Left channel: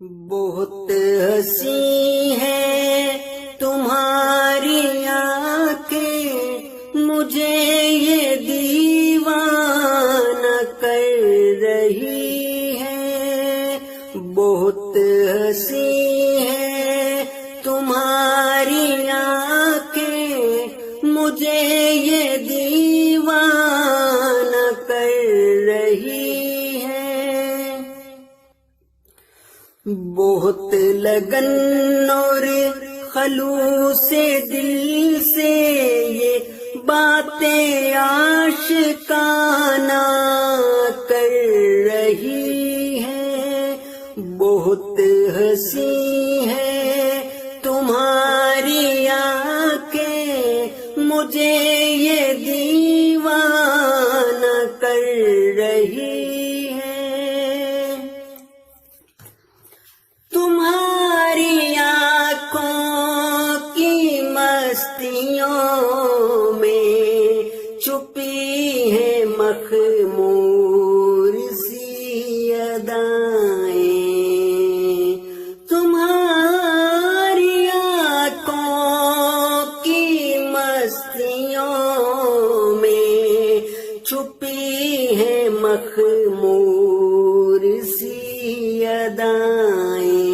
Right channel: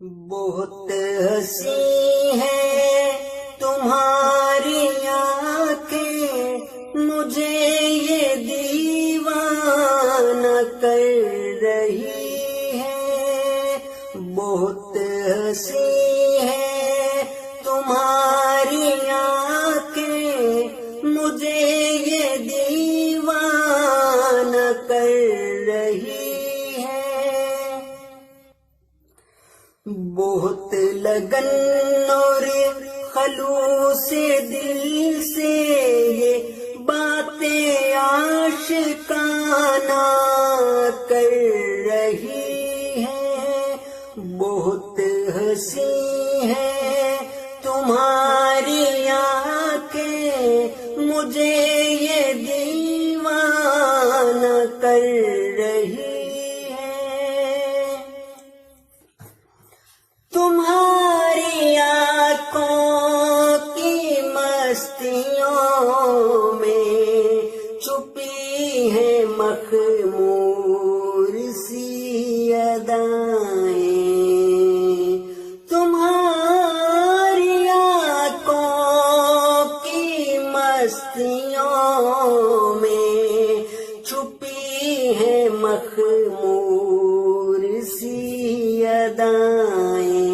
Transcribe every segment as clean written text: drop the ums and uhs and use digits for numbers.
بہت ہنسی ہے تمہاری آنکھیں، مجھے یہ دیوانہ کر رہی ہے۔ بہت ہنسی ہے تمہاری آنکھیں، مجھے یہ دیوانہ کر رہی ہے۔ بہت لگن اور خلوص دل سے یہ باتیں عاشقانہ کر رہی ہیں۔ بہت ہنسی ہے تمہاری آنکھیں، مجھے یہ دیوانہ کر رہی ہے۔ تمہاری آنکھوں کی مستیوں میں چھپی ہے مخمور سی ادائیں۔ تمہاری آنکھوں کی مستیوں میں چھپی ہے مخمور سی ادائیں۔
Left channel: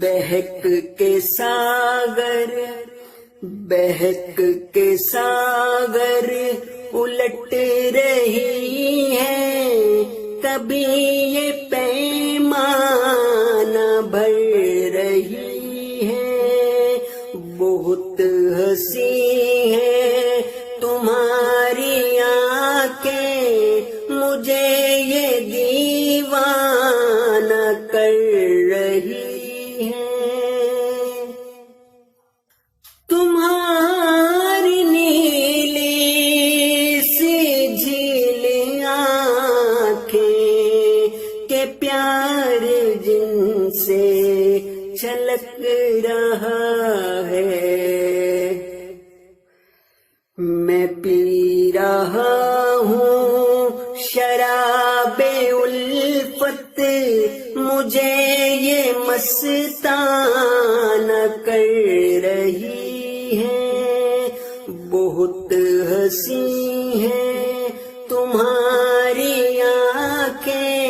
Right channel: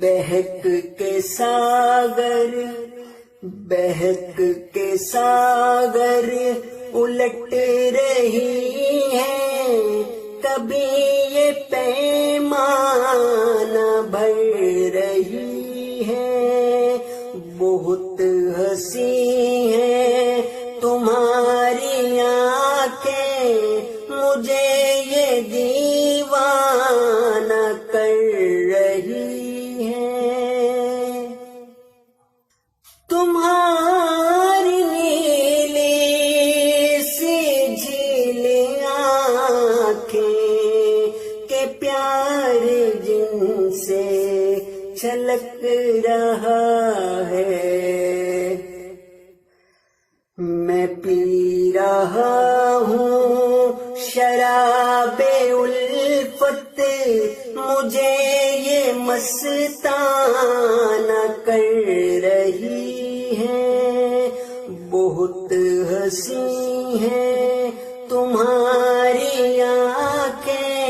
بہک کے ساگر الٹ رہی ہے، کبھی یہ پیمانہ بھر رہی ہے۔ بہت ہنسی ہے تمہاری آنکھیں، مجھے یہ دیوانہ کر رہی ہے۔ تمہاری نیلی سی جھیل آنکھیں کہ پیار جن سے چھلک رہا ہے، میں پی رہا ہوں شراب الفت، مجھے یہ مستانہ کر رہی ہے۔ بہت ہنسی ہے تمہاری آنکھیں،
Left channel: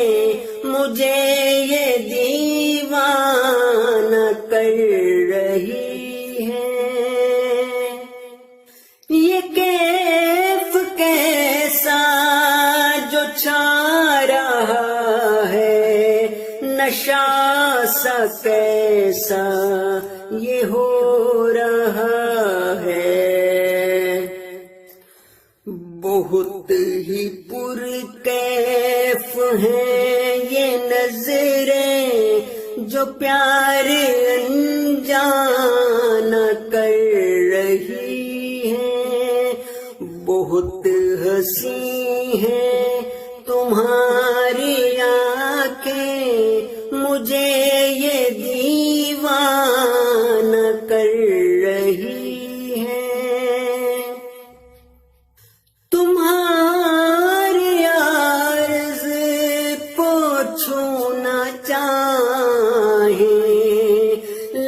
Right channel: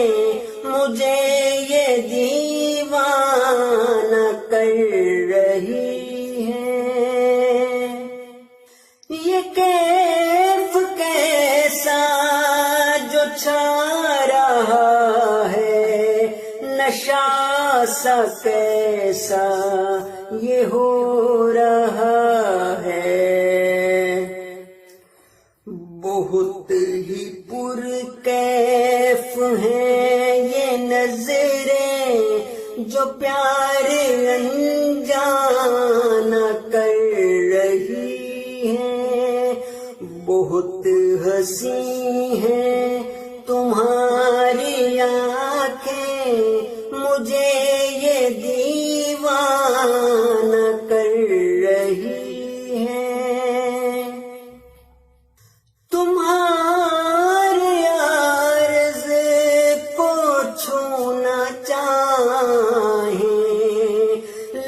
مجھے یہ دیوانہ کر رہی ہے۔ یہ کیف کیسا جو چھا رہا ہے، نشہ سا کیسا یہ ہو رہا ہے۔ بہت ہی پر کیف ہیں یہ نظریں جو پیار انجانہ کر رہی ہیں۔ بہت ہنسی ہے تمہاری آنکھیں، مجھے یہ دیوانہ کر رہی ہے۔ تمہاری عرض کو چھونا چاہیں،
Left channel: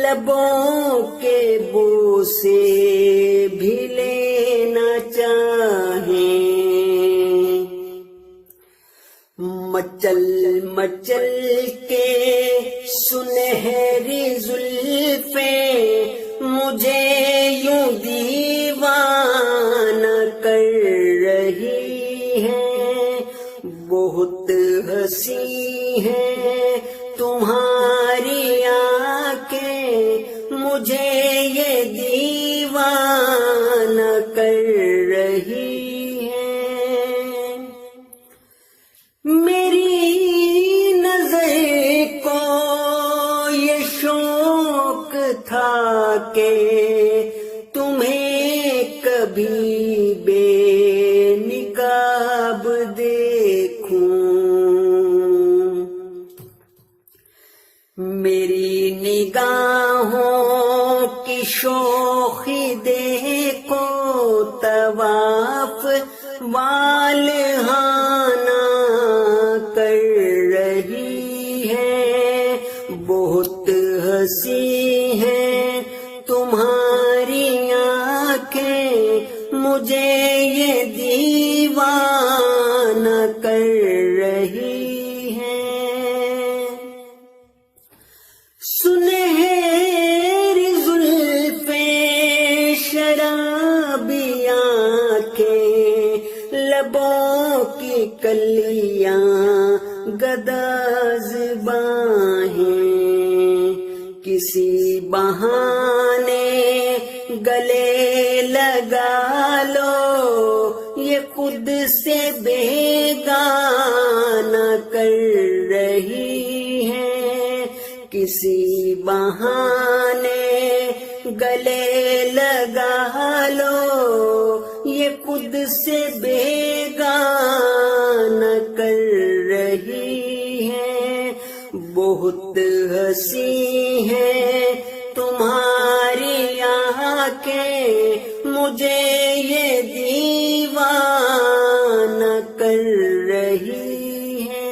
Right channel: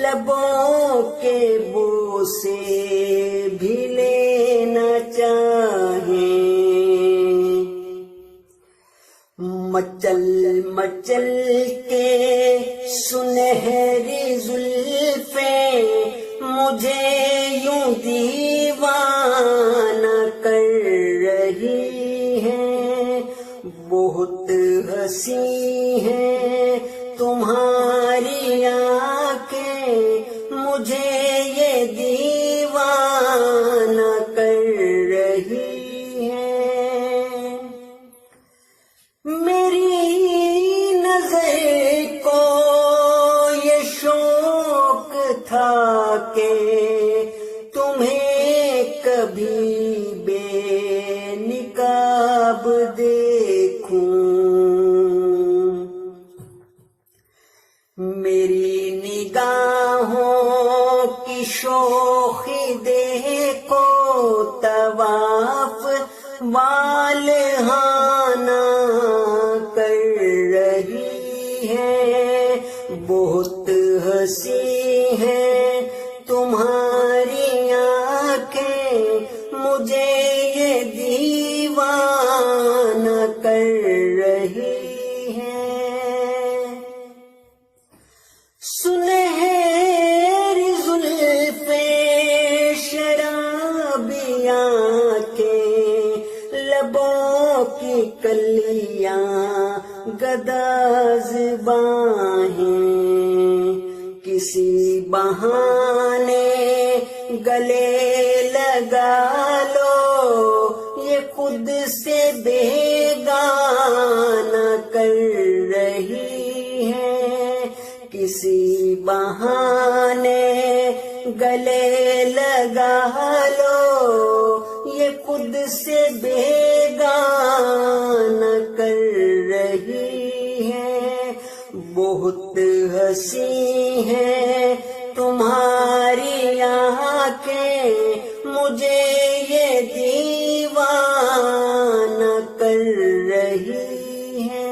لبوں کے بوسے بھی لینا چاہیں، مچل کے سنہری زلفیں مجھے یوں دیوانہ کر رہی ہیں۔ بہت ہنسی ہے تمہاری آنکھیں، مجھے یہ دیوانہ کر رہی ہیں۔ میری نظر کو یہ شوق تھا کہ تمہیں کبھی بے نقاب دیکھوں، میری نگاہوں کی شوخی دیکھو، طواف والہانہ کر رہی بہت ہنسی ہے تمہاری آنکھیں، مجھے یہ دیوانہ کر رہی ہیں۔ سنہری زلفیں شرابی آنکھیں، لبوں کی کلیاں گدا زباں ہیں، کسی بہانے گلے لگا لو، یہ خود سے بیگانہ کر رہی ہیں، کسی بہانے گلے لگا لو، یہ خود سے بیگانہ کر رہی ہیں۔ بہت ہنسی ہے تمہاری آنکھیں، مجھے یہ دیوانہ کر رہی ہیں۔